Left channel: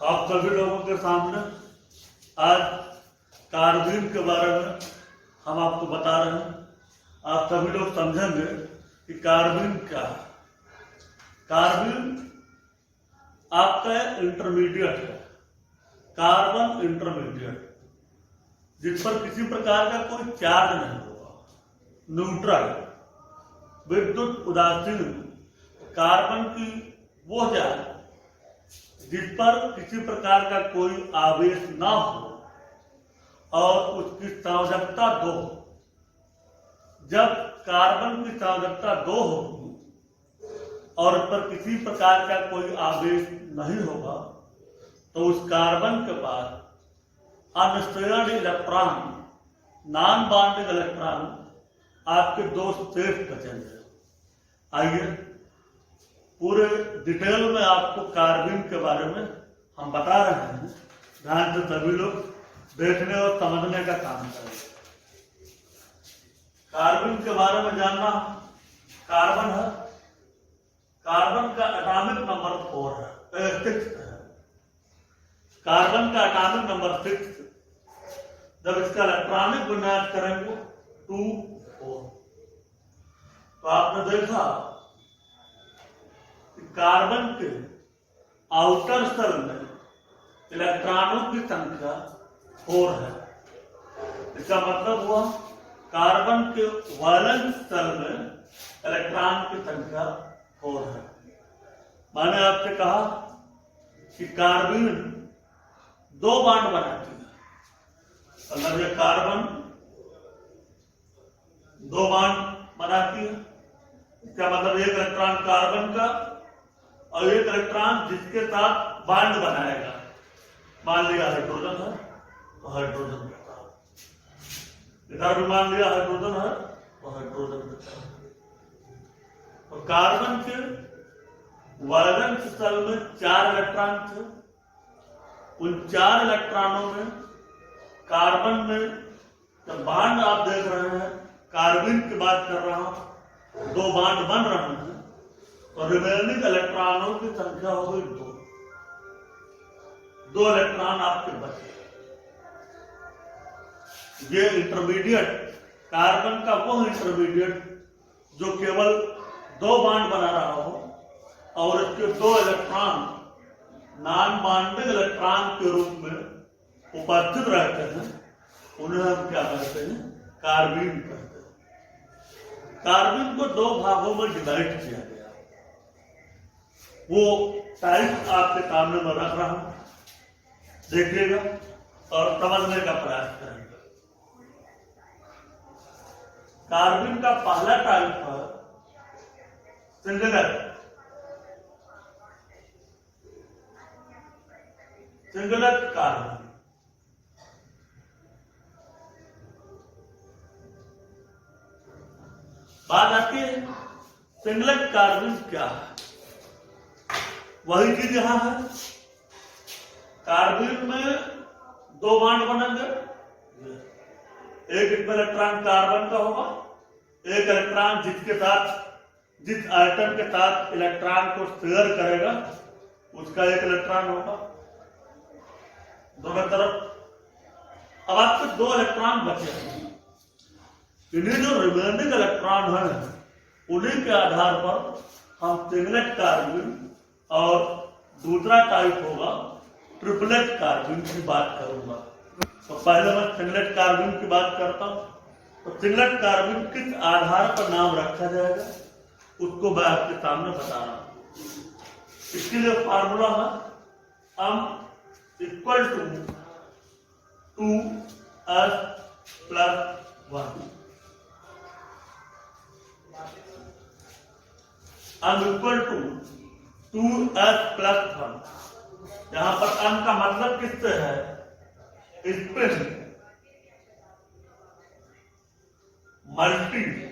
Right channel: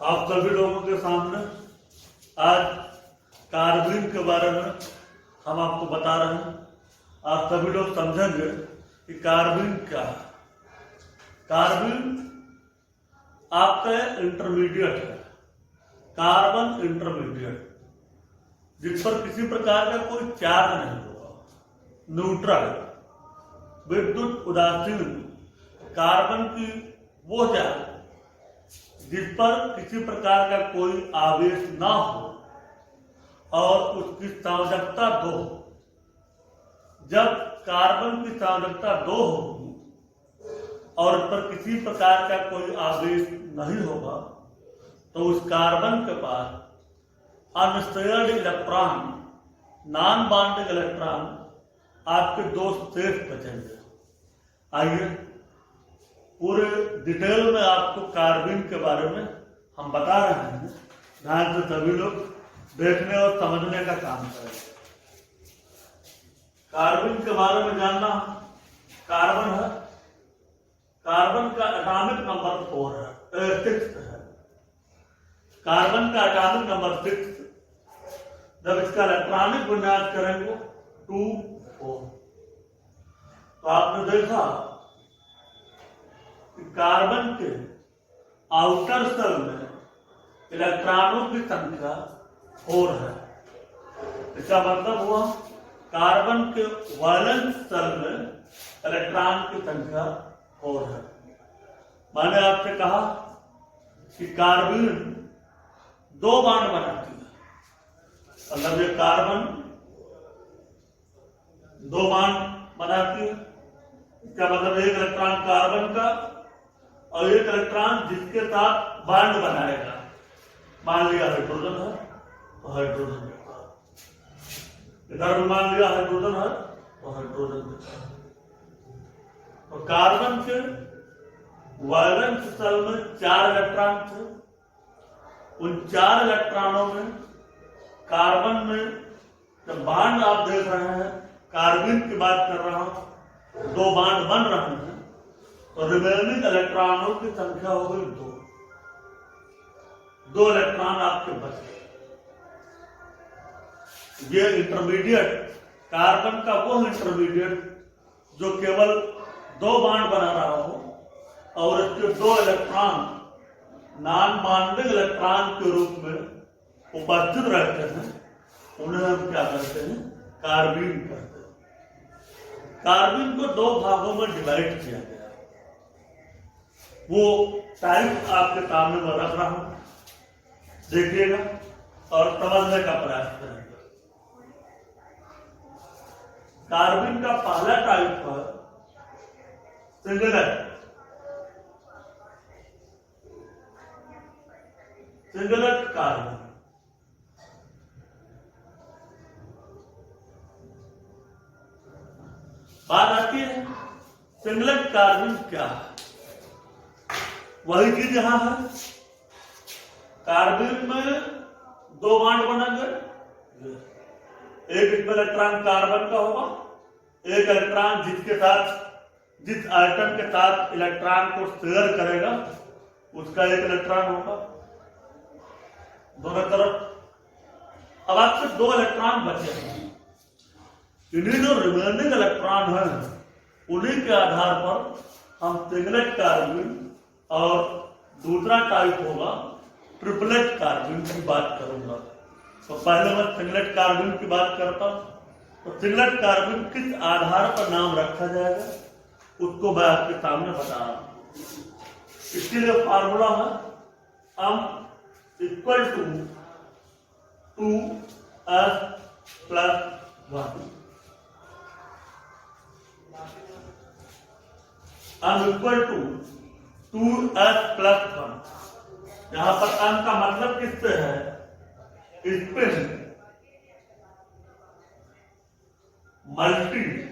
आप सभी लोगों के सामने आज कार्बन के बारे में हम आपको बता रहे हैं। आप सभी लोग समझेंगे कि कार्बन क्या है। कार्बन आपका इंटरमीडिएट है, कार्बन इंटरमीडिएट, जिस पर किसी प्रकार का कोई चार्ज नहीं होगा, न्यूट्रल, विद्युत उदासीन। कार्बन की वो चार्ज जिस पर किसी प्रकार का कोई आवेश ना हो और उसकी संयोजकता 2 हो। जब कार्बन की संयोजकता 2 होगी और उस पर किसी प्रकार का कोई आवेश नहीं होगा तो उस कार्बन के पास unshared electron, non bonding electron आपके 2 शेष बचेंगे। आइए पूरे डिटेल में आपको कार्बन के बारे में हम बता रहे हैं। ध्यान से सभी लोग देखने और समझने का काम करेंगे। कार्बन के बारे में जानना, कार्बन है, कार्बन का एटॉमिक नंबर 4 है, 6 है। कार्बन का एटॉमिक नंबर 6, जब इसका इलेक्ट्रॉनिक विन्यास करेंगे 2, 4। तो आपने देखा कार्बन के आउटर सेल में इलेक्ट्रॉनों की संख्या 4 है। इसका मतलब हुआ कार्बन के वैलेंस सेल में इलेक्ट्रॉन की संख्या 4 है। मैंने आपसे कहा कि कार्बन 2 बॉन्ड बनाती है, मतलब ये कार्बन 2 बॉन्ड बनाती है। इसका मतलब एक इलेक्ट्रॉन कार्बन का और एक इलेक्ट्रॉन जिसके साथ बॉन्ड बनाएगा। मान लिया हाइड्रोजन है तो हाइड्रोजन के साथ, इधर भी मान लिया हाइड्रोजन है तो हाइड्रोजन के साथ। तो कार्बन के वैलेंस सेल में 4 इलेक्ट्रॉन थे। उन 4 इलेक्ट्रॉनों में कार्बन में जब बॉन्ड आप देख रहे हैं, कार्बन की बात कर रहा हूं, 2 बॉन्ड बन रहे हैं तो रिमेनिंग इलेक्ट्रॉनों की संख्या हो गई 2 इलेक्ट्रॉन आपके बच गए। ये इंटरमीडिएट, कार्बन का वो इंटरमीडिएट जो केवल 2 बॉन्ड बना रहा हो और इसके 2 इलेक्ट्रॉन नॉन बॉन्डिंग इलेक्ट्रॉन के रूप में उपस्थित रहते हैं, उन्हें हम क्या कहते हैं? कार्बन कहते हैं। कार्बन को 2 भागों में डिवाइड किया गया। वो टाइप आपके सामने में रख रहा हूं, देखिएगा और समझने का प्रयास करेंगे। कार्बन का पहला टाइप है सिंगलेट। सिंगलेट कार्बन, बात आती है सिंगलेट कार्बन क्या है। वही चीज यहां है। कार्बन में 2 बॉन्ड बनेंगे, एक इसमें इलेक्ट्रॉन कार्बन का होगा, एक इलेक्ट्रॉन जिसके साथ, जिस आइटम के साथ इलेक्ट्रॉन को शेयर करेगा उसका एक इलेक्ट्रॉन होगा दोनों तरफ। अब आपके 2 इलेक्ट्रॉन बचे हैं। इन्हीं जो रिमेनिंग इलेक्ट्रॉन है उन्हीं के आधार पर हम सिंगलेट कार्बन और दूसरा टाइप होगा ट्रिपलेट कार्बन की बात करूंगा। तो पहले मैं सिंगलेट कार्बन की बात करता हूं। तो सिंगलेट कार्बन किस आधार पर नाम रखा जाएगा उसको मैं आपके सामने बता रहा हूं। इसके लिए फार्मूला है m equal to 2s + 1। m equal to 2s + 1। यहां पर m का मतलब किससे है? स्पिन मल्टीप्लाइसिटी।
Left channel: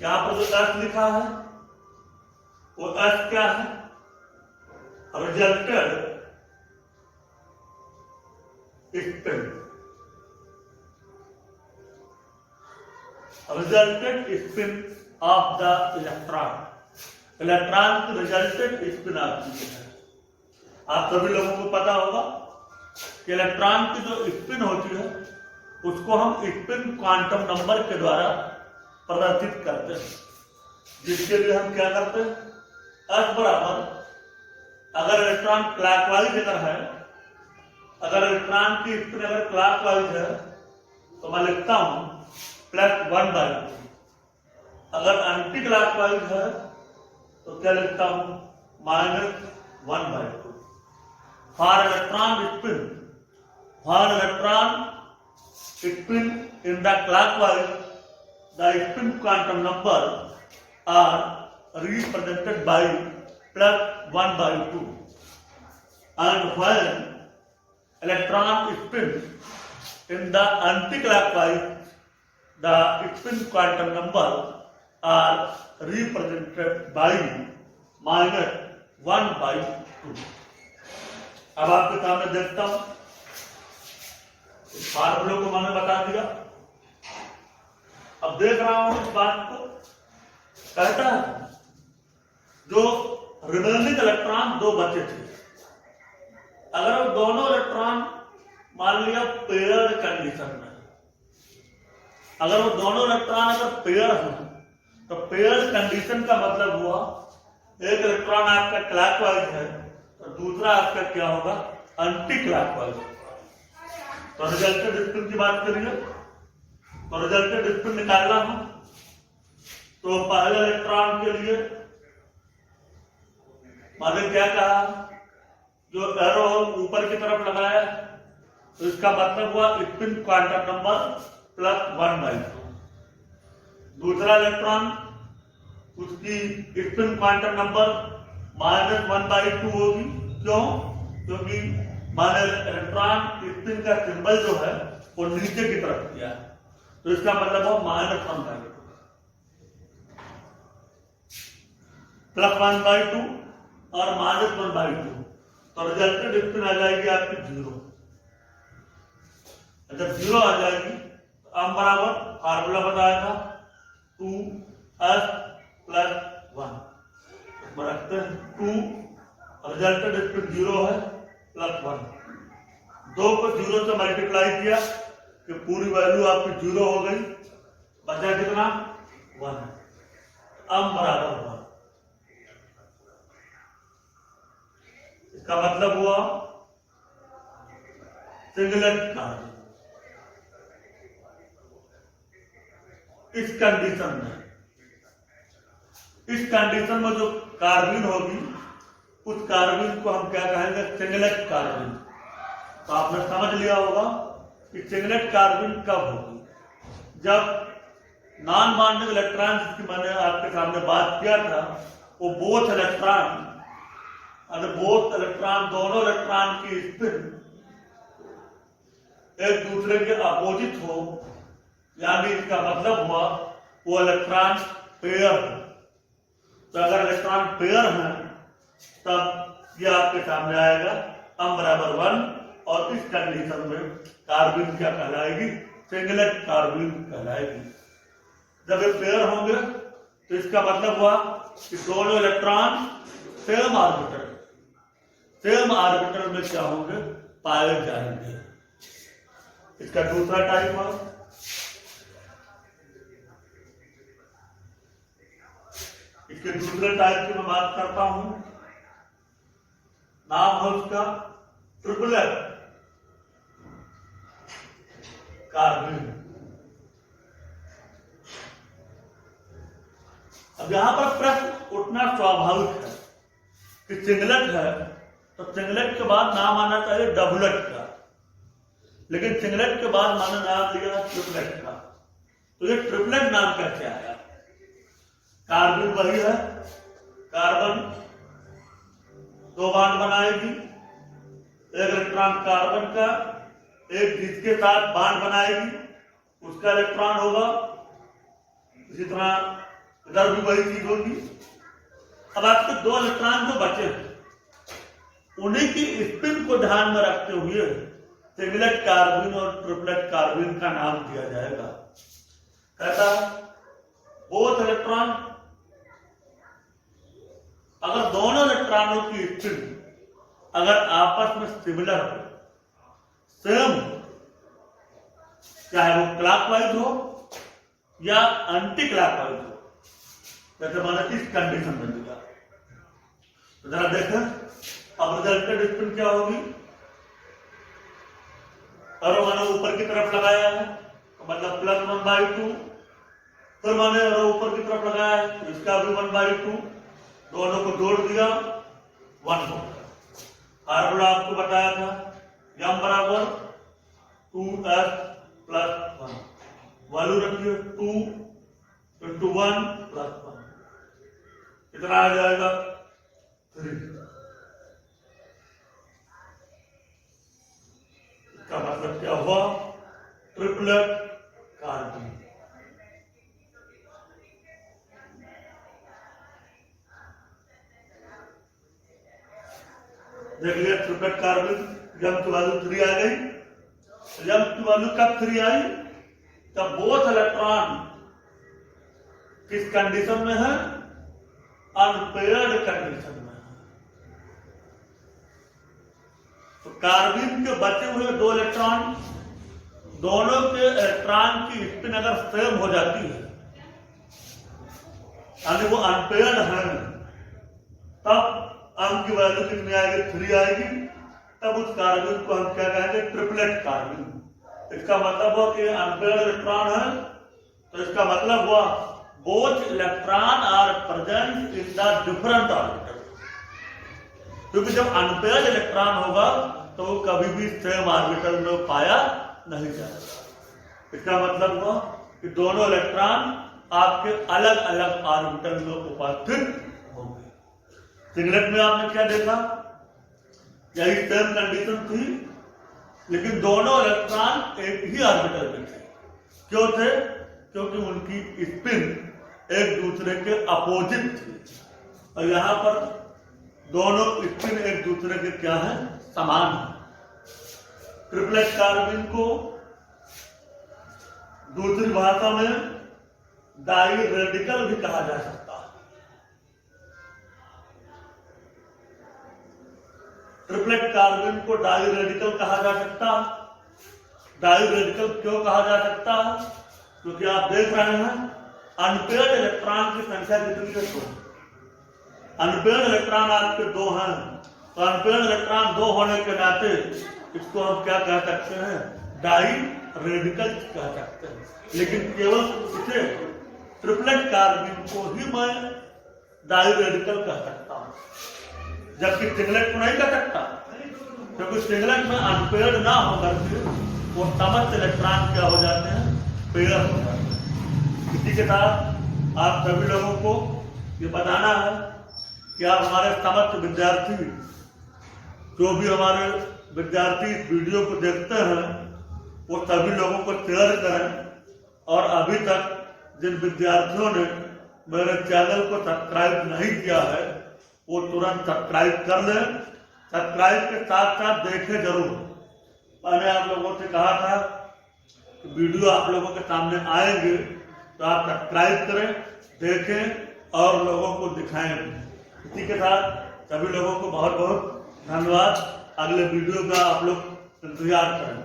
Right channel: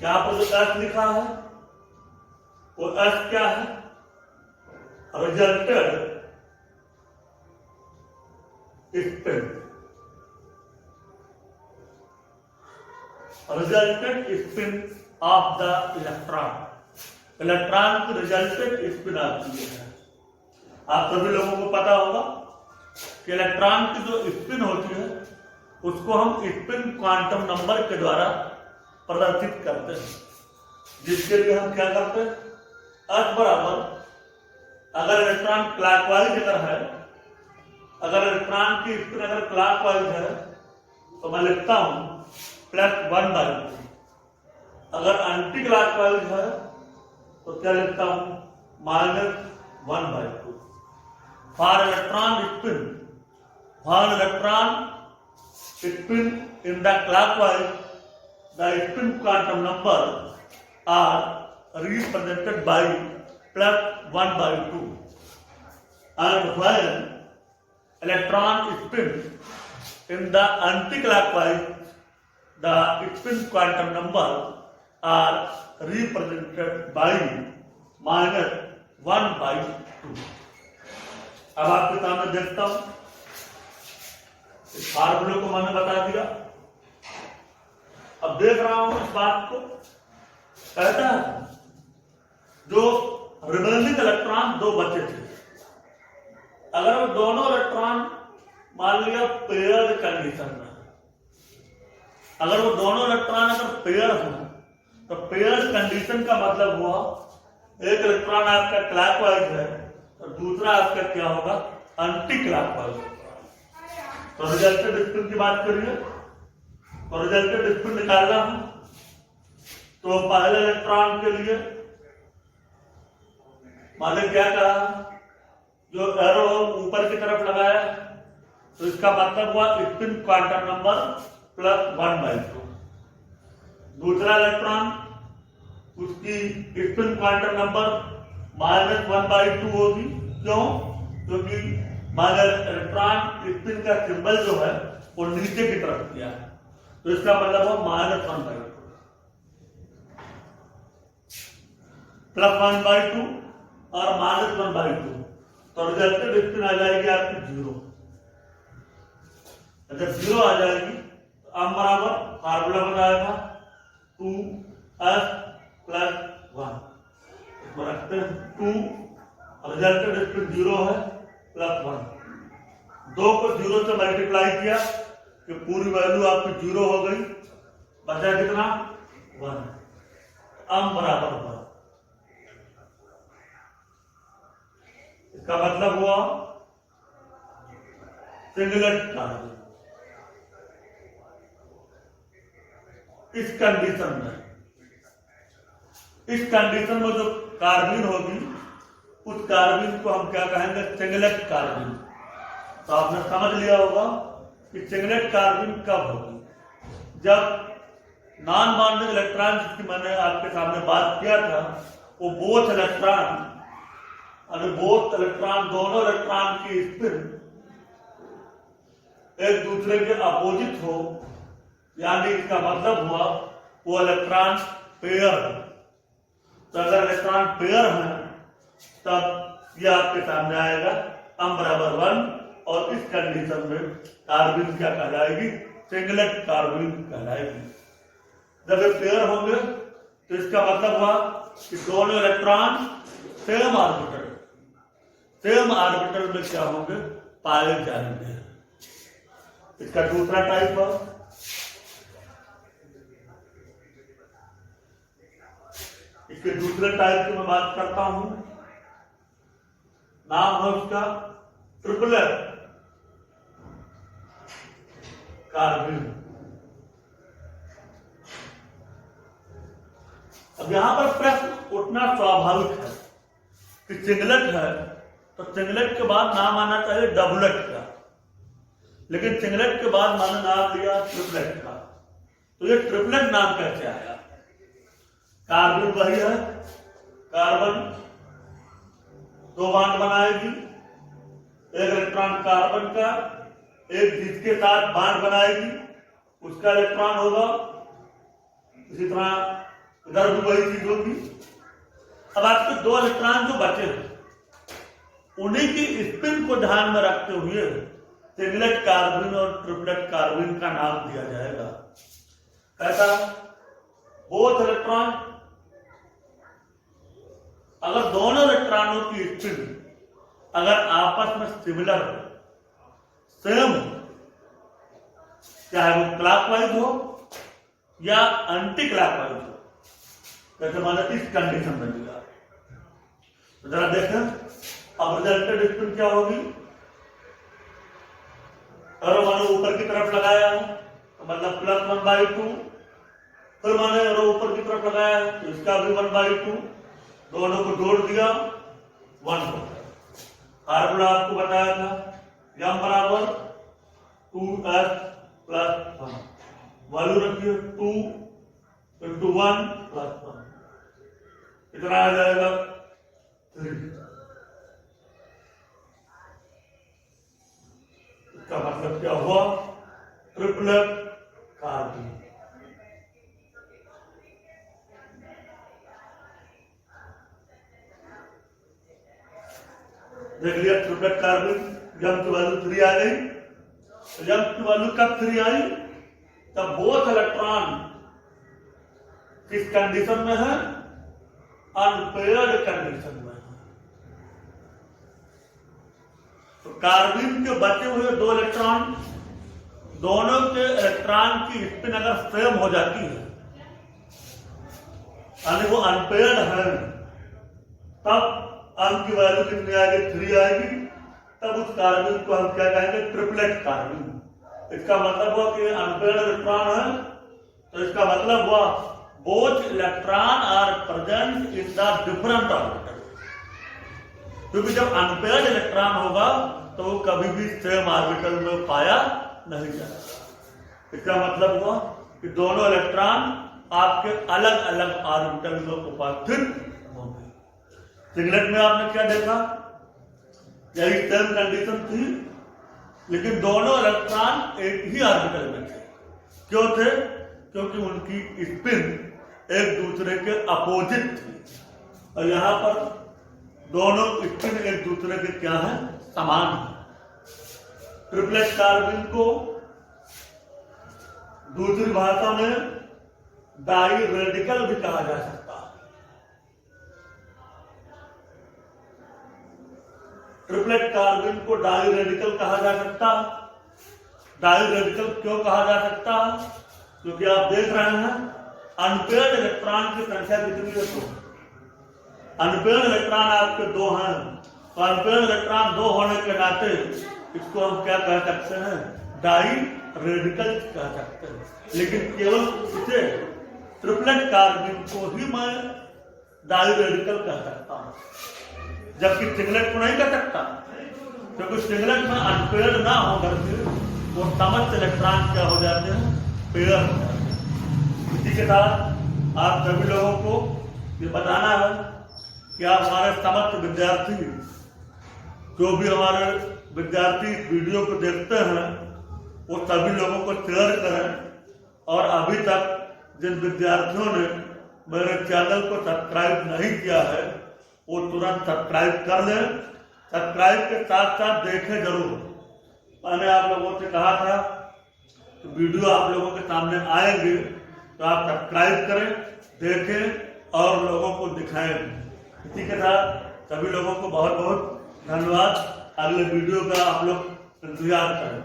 यहां पर जो s लिखा है वो s क्या है? Resulted spin. Resultant spin off the electron. Electron की रिजल्टेंट स्पिन आती है। आप सभी लोगों को पता होगा कि इलेक्ट्रॉन की जो स्पिन होती है उसको हम स्पिन क्वांटम नंबर के द्वारा प्रदर्शित करते हैं, जिसके लिए हम क्या करते हैं, F बराबर, अगर इलेक्ट्रॉन क्लॉकवाइज अगर है, अगर इलेक्ट्रॉन की स्पिन अगर क्लॉकवाइज है तो मैं लिखता हूं +1/2। अगर एंटी क्लॉकवाइज है तो क्या लिखता हूं, -1/2। For electron spin in the clockwise, the spin quantum number are represented by +1/2, and when electron spin in the anti-clockwise, the spin quantum number are represented by -1/2। अब आपके सामने देखता हूं, इस फार्मूले को मैंने बता दिया। अब देख रहा हूं इस बात को, कहता है जो रिमेनिंग इलेक्ट्रॉन दो बचे थे, अगर वो दोनों इलेक्ट्रॉन मान लिया पेयर कंडीशन में, अगर वो दोनों इलेक्ट्रॉन अगर पेयर हो तो पेयर कंडीशन का मतलब हुआ एक इलेक्ट्रॉन आपका क्लॉकवाइज है और दूसरा आपका क्या होगा, एंटी क्लॉकवाइज। तो रिजल्टेंट स्पिन की बात करिए, तो रिजल्टेंट स्पिन निकालना है तो पहले इलेक्ट्रॉन के लिए मैंने क्या कहा, जो एरो ऊपर की तरफ लगाया तो इसका मतलब हुआ स्पिन क्वांटम नंबर +1/2। दूसरा इलेक्ट्रॉन उसकी स्पिन क्वांटम नंबर -1/2 होगी। क्यों? क्योंकि माने इलेक्ट्रॉन स्पिन का सिंबल जो है वो नीचे की तरफ किया है, तो इसका मतलब हो -1/2 +1/2 और -1/2, तो रिजल्टेंट स्पिन आ जाएगी आपकी 0। जब 0 आ जाएगी तो m बराबर फार्मूला बताएगा 2s + 1, इसमें रखते हैं 2, रिजल्टेंट स्पिन 0 है, +1, 2 को 0 से मल्टीप्लाई किया कि पूरी वैल्यू आपकी 0 हो गई, बचा कितना, 1, m बराबर 1। इसका मतलब हुआ सिंगलेट कार्बन। इस कंडीशन में जो कार्बन होगी उस कार्बन को हम क्या कहेंगे, सिंगलेट कार्बन। तो आपने समझ लिया होगा कि सिंगलेट कार्बन कब होगी, जब नॉन बॉन्डिंग इलेक्ट्रॉन जिसकी मैंने आपके सामने बात किया था, वो बोथ इलेक्ट्रॉन दोनों इलेक्ट्रॉन की स्पिन एक दूसरे के अपोजिट हो, यानी इसका मतलब हुआ वो इलेक्ट्रॉन पेयर है। तो अगर इलेक्ट्रॉन पेयर है तब ये आपके सामने आएगा m बराबर 1, और इस कंडीशन में कार्बन क्या कहलाएगी, सिंगलेट कार्बन कहलाएगी। जब ये पेयर होंगे तो इसका मतलब हुआ कि दोनों इलेक्ट्रॉन सेम ऑर्बिटल में क्या होंगे, पाए जाएंगे। इसका दूसरा टाइप है, इसके दूसरे टाइप की मैं बात करता हूं, नाम है उसका ट्रिपलेट कार्बन। अब यहां पर प्रश्न उठना स्वाभाविक है कि सिंगलेट है तो सिंगलेट के बाद नाम आना चाहिए डबलेट का, लेकिन सिंगलेट के बाद मैंने नाम लिया ट्रिपलेट का। तो ये ट्रिपलेट नाम कैसे आया? कार्बन वही है, कार्बन 2 बॉन्ड बनाएगी, एक इलेक्ट्रॉन कार्बन का, एक जिसके साथ बॉन्ड बनाएगी उसका इलेक्ट्रॉन होगा, इसी तरह इधर भी वही चीज होगी। अब आपके 2 इलेक्ट्रॉन जो बचे हैं उन्हीं की स्पिन को ध्यान में रखते हुए सिंगलेट कार्बन और ट्रिपलेट कार्बन का नाम दिया जाएगा। कहता है बोथ इलेक्ट्रॉन, अगर दोनों इलेक्ट्रॉनों की स्पिन अगर आपस में सिमिलर हो, सेम, चाहे वो क्लॉकवाइज हो या एंटी क्लॉकवाइज हो, कहते माने इस कंडीशन में मिला। तो जरा देखें अब रिजल्टेड स्पिन क्या होगी। एरो माने ऊपर की तरफ लगाया है तो मतलब +1/2, फिर माने एरो ऊपर की तरफ लगाया है तो इसका भी 1/2, दोनों को जोड़ दिया 1 हो। फार्मूला आपको बताया था m बराबर 2s+1, वैल्यू रखिए 2 × 1 + 1, कितना आ जाएगा 3। इसका मतलब क्या हुआ, ट्रिपलेट कार्बन। देख लिया ट्रिपलेट कार्बन, m की वैल्यू 3 आ गई। m की वैल्यू कब 3 आई, तब बोथ इलेक्ट्रॉन किस कंडीशन में है, अनपेयर्ड कंडीशन में है। तो कार्बन के बचे हुए 2 इलेक्ट्रॉन, दोनों के इलेक्ट्रॉन की स्पिन अगर सेम हो जाती है यानी वो अनपेयर्ड है, तब m की वैल्यू कितनी आएगी, 3 आएगी। तब उस कार्बन को हम क्या कहेंगे, ट्रिपलेट कार्बन। इसका मतलब हुआ कि अनपेयर्ड इलेक्ट्रॉन है, तो इसका मतलब हुआ both electron are present in the different orbital. क्योंकि जब अनपेयर्ड इलेक्ट्रॉन होगा तो वो कभी भी सेम ऑर्बिटल में पाया नहीं जाएगा। इसका मतलब हुआ कि दोनों इलेक्ट्रॉन आपके अलग अलग ऑर्बिटल में उपस्थित होंगे। सिंगलेट में आपने क्या देखा, यही सेम कंडीशन थी, लेकिन दोनों इलेक्ट्रॉन एक ही ऑर्बिटल में थे। क्यों थे, क्योंकि उनकी स्पिन एक दूसरे के अपोजिट थी, और यहां पर दोनों स्पिन एक दूसरे के क्या है, समान है। ट्रिपलेट कार्बन को दूसरी भाषा में डाई रेडिकल भी कहा जा सकता है। ट्रिपलेट कार्बन को डाई रेडिकल कहा जा सकता है। डाई रेडिकल क्यों कहा जा सकता है, क्योंकि आप देख रहे हैं अनपेयर्ड इलेक्ट्रॉन की संख्या कितनी है, 2। अनपेयर्ड इलेक्ट्रॉन आपके 2 हैं, तो अनपेयर्ड इलेक्ट्रॉन 2 होने के नाते इसको हम क्या कह सकते हैं, डाई रेडिकल कह सकते हैं। लेकिन केवल इसे ट्रिपलेट कार्बन को ही मैं डाई रेडिकल कह सकता हूं, जबकि सिंगलेट को नहीं कह सकता, क्योंकि सिंगलेट में अनपेयर्ड ना होकर के वो समस्त इलेक्ट्रॉन क्या हो जाते हैं, पेयर हो जाते हैं। इसी के साथ आप सभी लोगों को ये बताना है कि आप हमारे समस्त विद्यार्थी, जो भी हमारे विद्यार्थी इस वीडियो को देखते हैं, वो सभी लोगों को शेयर करें। और अभी तक जिन विद्यार्थियों ने मेरे चैनल को सब्सक्राइब नहीं किया है, वो तुरंत सब्सक्राइब कर लें। सब्सक्राइब के साथ साथ देखें जरूर। मैंने आप लोगों से कहा था कि वीडियो आप लोगों के सामने आएंगे तो आप सब्सक्राइब करें, देखें और लोगों को दिखाएं। इसी के साथ सभी लोगों को बहुत बहुत धन्यवाद। अगले वीडियो का आप लोग इंतजार करें।